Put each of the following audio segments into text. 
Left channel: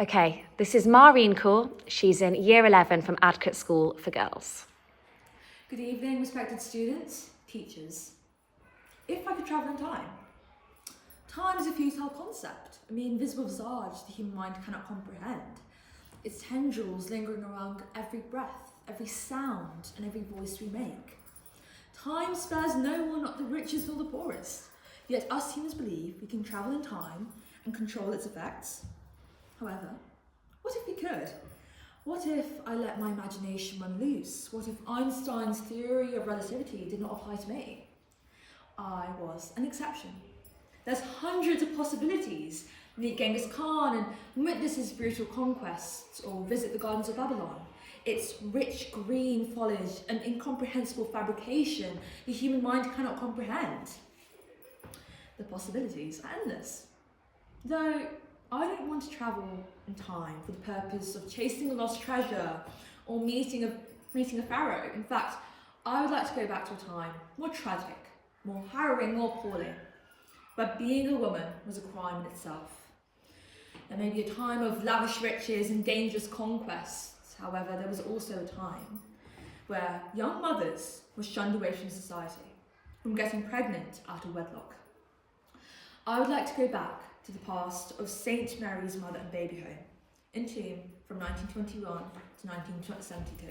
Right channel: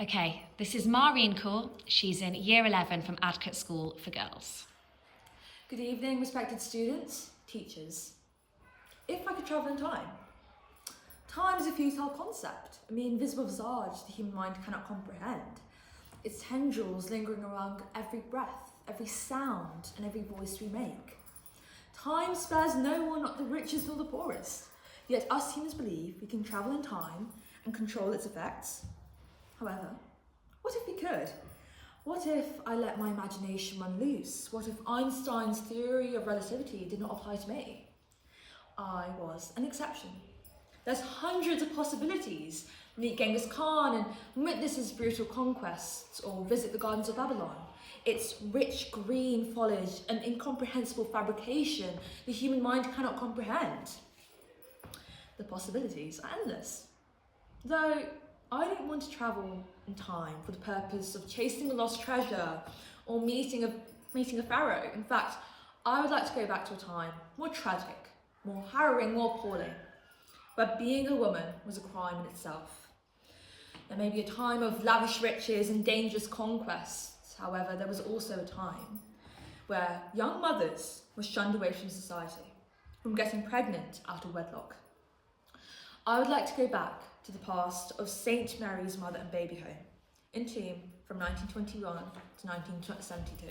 Okay, this is Maureen Cool. She's in Year 11 from Adcott School for Girls. Good evening, respected students, teachers. If I could travel in time. Time is a futile concept, a mere invisible visage the human mind cannot comprehend. Its tendrils lingering around every breath, every sound, and every voice we make. Time spares no one, not the richest nor the poorest. Yet us humans believe we can travel in time and control its effects. However, what if we could? What if I let my imagination run loose? What if Einstein's theory of relativity did not apply to me? I was an exception. There's hundreds of possibilities. Meet Genghis Khan and witness his brutal conquests, or visit the gardens of Babylon. Its rich green foliage, an incomprehensible fabrication the human mind cannot comprehend. The possibilities are endless. Though I don't want to travel in time for the purpose of chasing a lost treasure or meeting a pharaoh. In fact, I would like to go back to a time more tragic, more harrowing, more appalling, where being a woman was a crime in itself. There may be a time of lavish riches and dangerous conquests. However, there was also a time where young mothers were shunned away from society, from getting pregnant out of wedlock. I would like to go back to the past of St. Mary's Mother and Baby Home, Entombe from 1921 to 1972,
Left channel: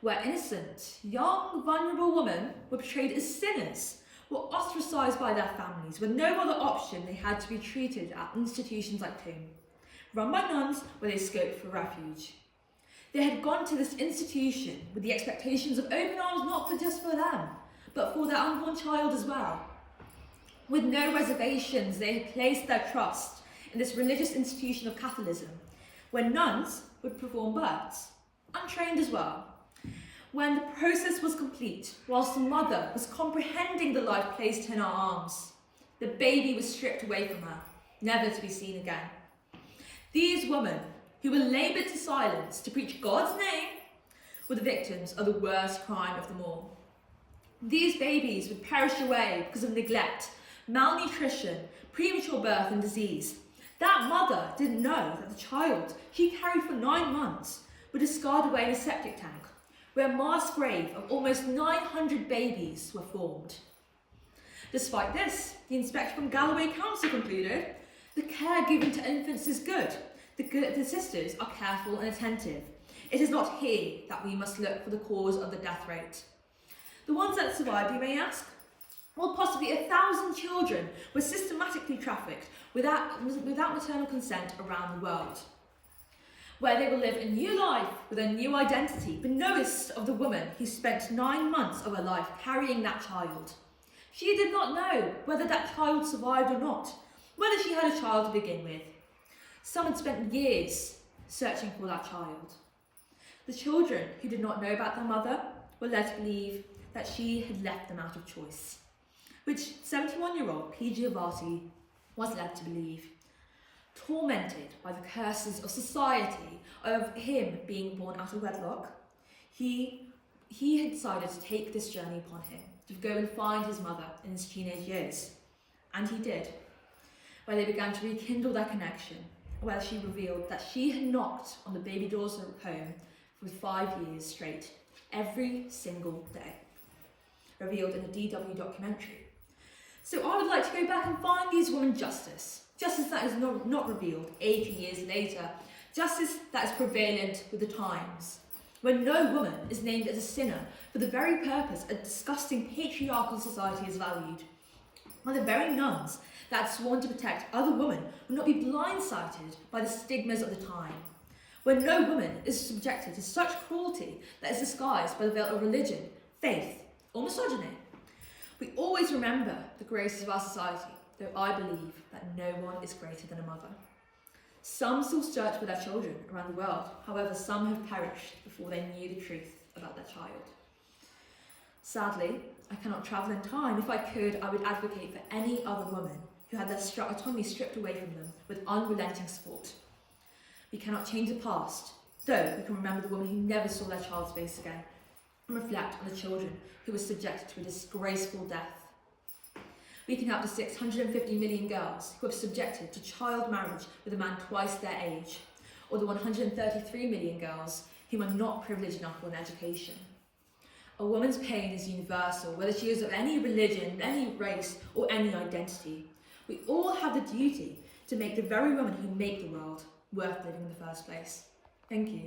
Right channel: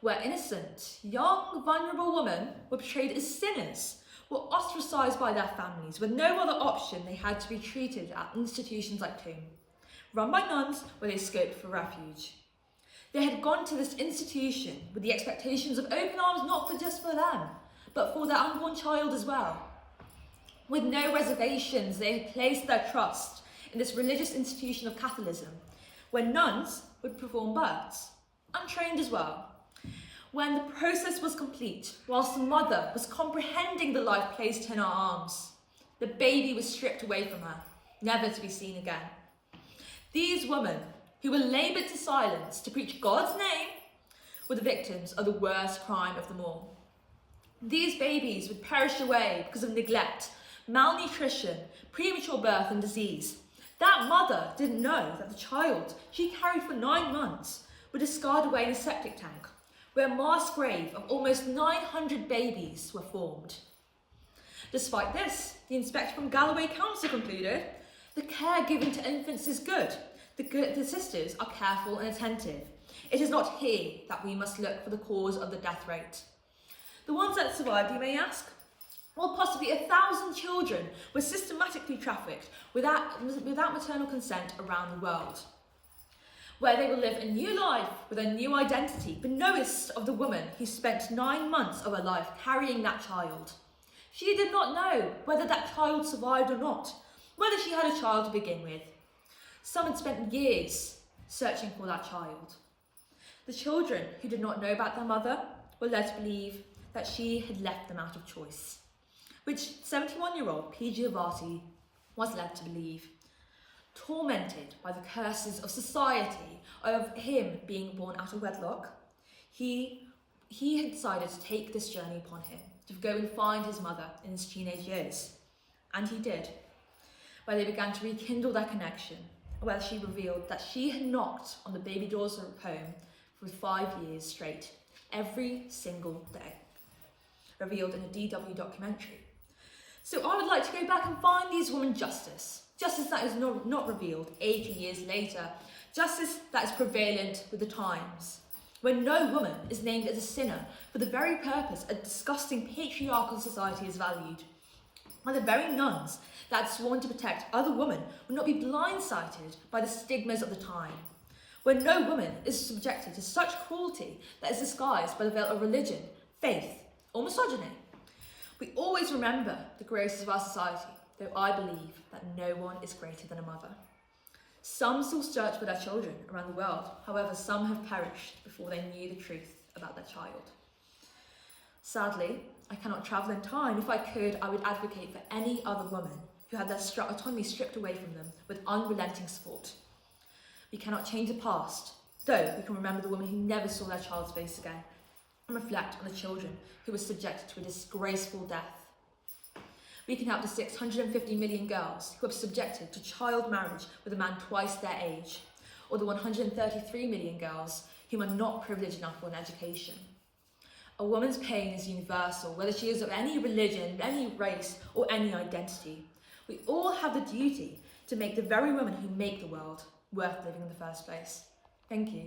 where innocent, young, vulnerable women were portrayed as sinners, were ostracised by their families, with no other option they had to be treated at institutions like Tomb, run by nuns where they scoped for refuge. They had gone to this institution with the expectations of open arms not just for them, but for their unborn child as well. With no reservations, they had placed their trust in this religious institution of Catholicism, where nuns would perform births, untrained as well. When the process was complete, whilst the mother was comprehending the life placed in her arms, the baby was stripped away from her, never to be seen again. These women, who were laboured to silence to preach God's name, were the victims of the worst crime of them all. These babies would perish away because of neglect, malnutrition, premature birth and disease. That mother didn't know that the child she carried for 9 months would discard away in a septic tank, where a mass grave of almost 900 babies were formed. Despite this, the inspector from Galloway Council concluded, the care given to infants is good. The sisters are careful and attentive. It is not here that we must look for the cause of the death rate. The ones that survived, you may ask? Well, possibly 1,000 children were systematically trafficked without maternal consent around the world, where they will live a new life with a new identity, beknowest of the woman who spent 9 months of her life carrying that child. She did not know whether that child survived or not, whether she had a child to begin with. Some had spent years searching for that child. The children who did not know about their mother were led to believe that she had left them out of choice, which 71-year-old P. Giovati was led to believe. Tormented by the curses of society, of him being born out of wedlock, he had decided to take this journey upon him, to go and find his mother in his teenage years. And he did, where they began to rekindle their connection, where she revealed that she had knocked on the baby doors of home for 5 years straight, every single day, revealed in a DW documentary. So I would like to go back and find these women justice that is not revealed 80 years later, justice that is prevalent with the times, when no woman is named as a sinner for the very purpose a disgusting patriarchal society is valued, when the very nuns that had sworn to protect other women would not be blindsided by the stigmas of the time, when no woman is subjected to such cruelty that is disguised by the veil of religion, faith, or misogyny. We always remember the graces of our society, though I believe that no one is greater than a mother. Some still search for their children around the world, however, some have perished before they knew the truth about their child. Sadly, I cannot travel in time. If I could, I would advocate for any other woman who had their autonomy stripped away from them with unrelenting support. We cannot change the past, though we can remember the women who never saw their child's face again, and reflect on the children who were subjected to a disgraceful death. We can help the 650 million girls who are subjected to child marriage with a man twice their age, or the 133 million girls who are not privileged enough for an education. A woman's pain is universal, whether she is of any religion, any race, or any identity. We all have the duty to make the very women who make the world worth living in the first place. Thank you.